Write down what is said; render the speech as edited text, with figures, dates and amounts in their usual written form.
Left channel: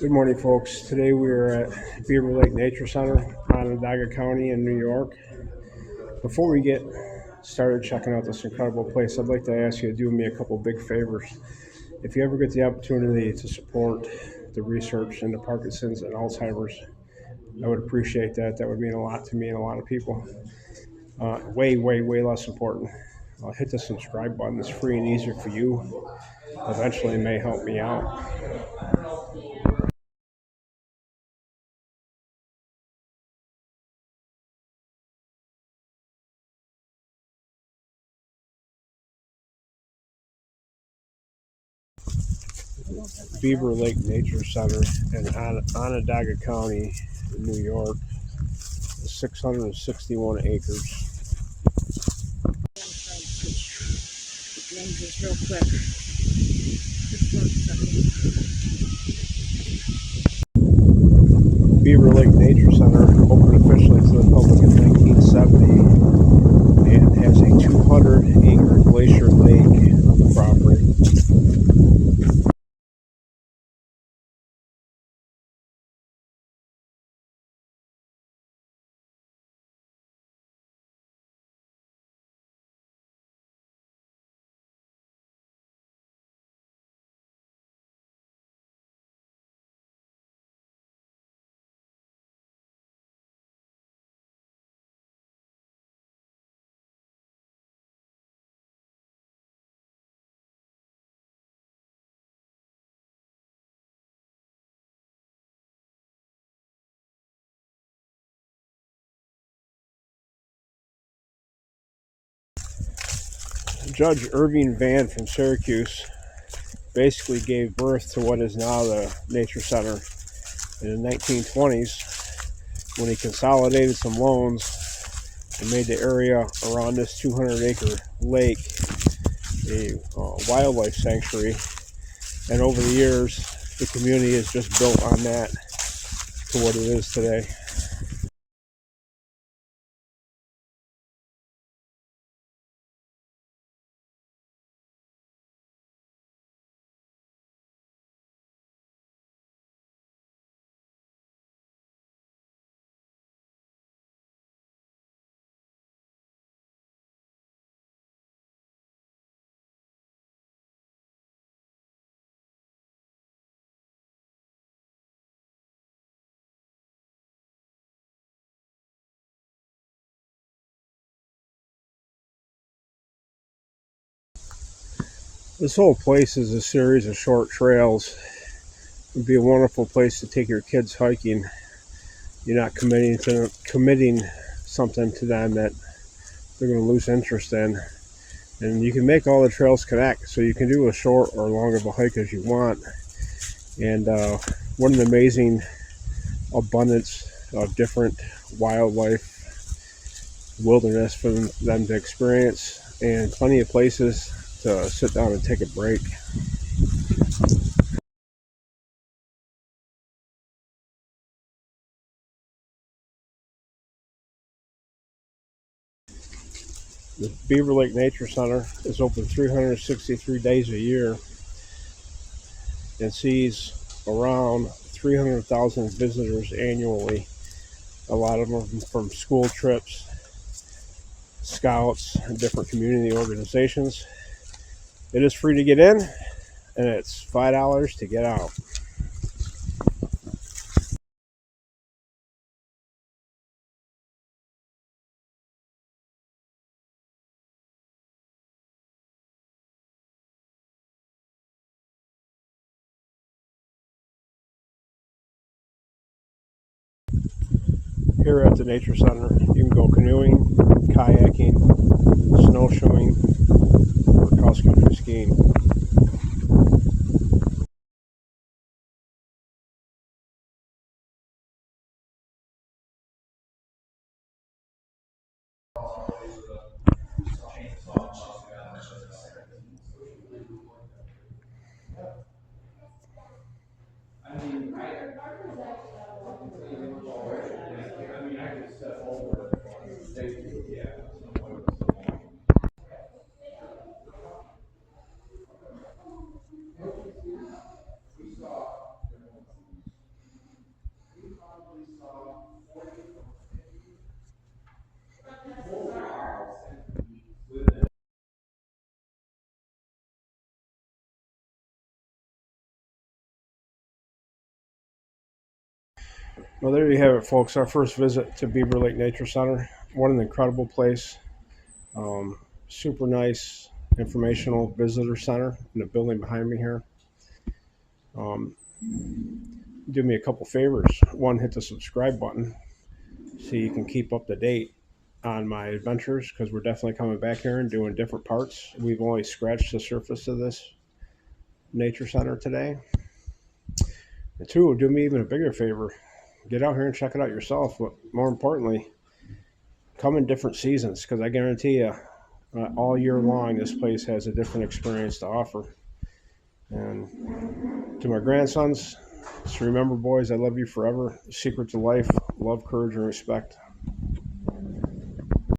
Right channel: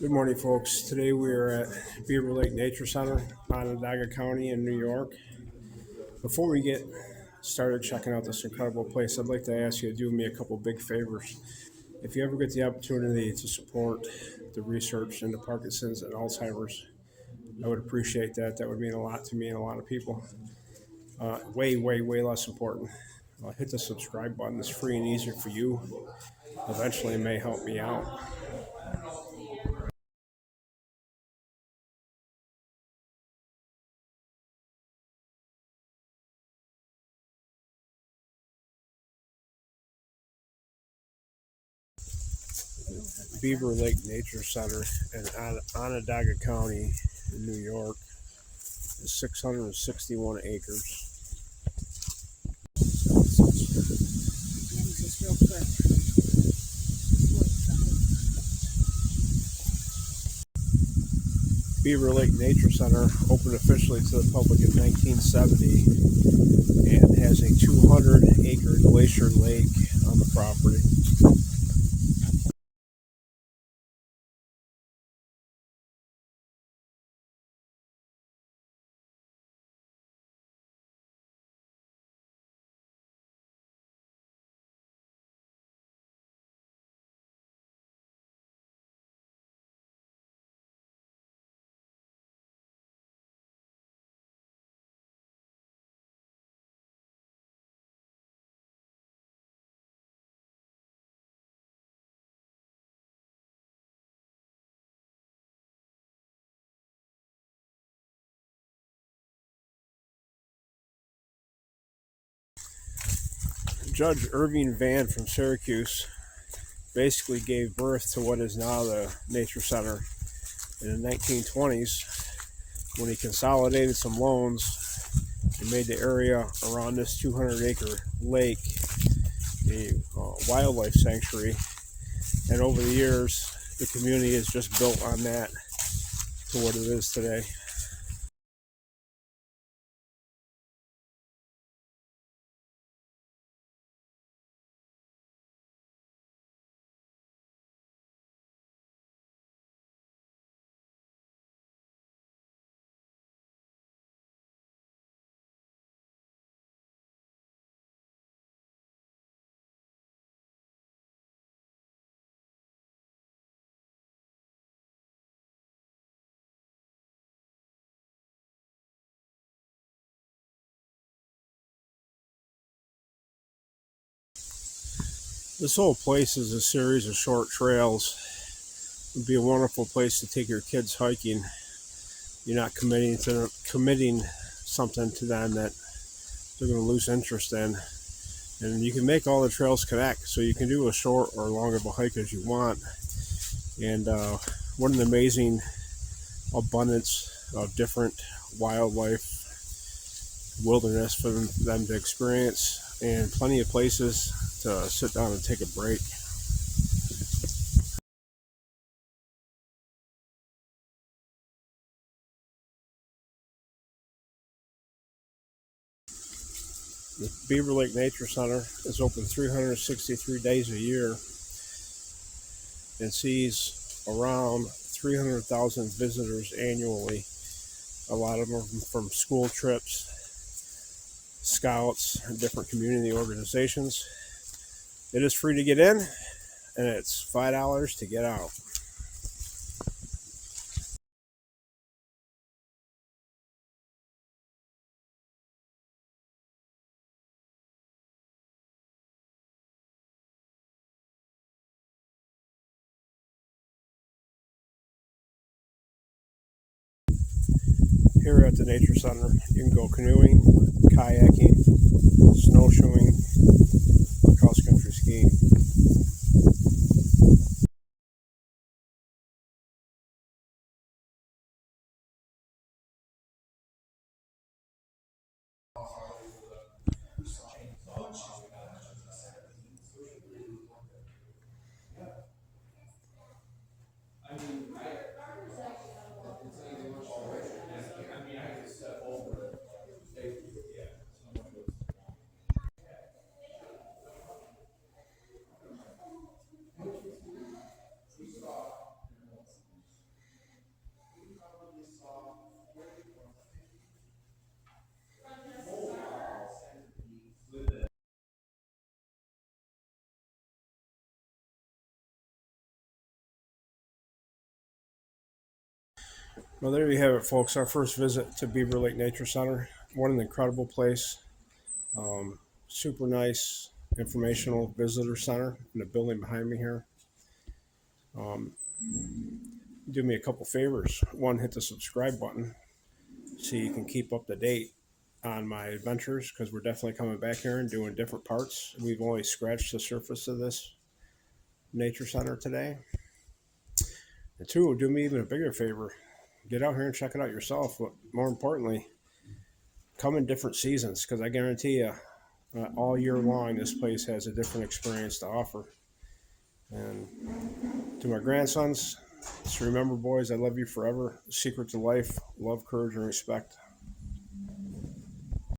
Good morning, folks. Today we are at Beaver Lake Nature Center, Onondaga County in New York. Before we get started checking out this incredible place, I'd like to ask you to do me a couple big favors. If you ever get the opportunity to support the research into Parkinson's and Alzheimer's, I would appreciate that. That would mean a lot to me and a lot of people. Way less important. Hit the subscribe button. It's free and easy for you. Eventually, it may help me out. Beaver Lake Nature Center in Onondaga County, New York, 661 acres. Just real quick. Beaver Lake Nature Center opened officially to the public in 1970 and has a 200-acre glacier lake on the property. Judge Irving Van from Syracuse basically gave birth to what is now the Nature Center in the 1920s when he consolidated some loans and made the area around this 200-acre lake a wildlife sanctuary. And over the years, the community has just built on that to what it is today. This whole place is a series of short trails. It would be a wonderful place to take your kids hiking. You're not committing something to them that they're going to lose interest in. And you can make all the trails connect, so you can do a short or long of a hike as you want. And what an amazing abundance of different wildlife, wilderness for them to experience, and plenty of places to sit down and take a break. The Beaver Lake Nature Center is open 363 days a year and sees around 300,000 visitors annually. A lot of them from school trips, scouts, and different community organizations. It is free to get in, and it's $5 to get out. Here at the Nature Center, you can go canoeing, kayaking, snowshoeing, or cross-country skiing. Well, there you have it, folks. Our first visit to Beaver Lake Nature Center. What an incredible place. Super nice informational visitor center in the building behind me here. Um, do me a couple favors. One, hit the subscribe button so you can keep up to date on my adventures, because we're definitely coming back here and doing different parts. We've only scratched the surface of this nature center today. And two, do me even a bigger favor. Get out here and check it out yourself. But more importantly, come in different seasons, because I guarantee you, all year long, this place has a different experience to offer. And to my grandsons, just remember, boys, I love you forever. Secret to life: love, courage, and respect.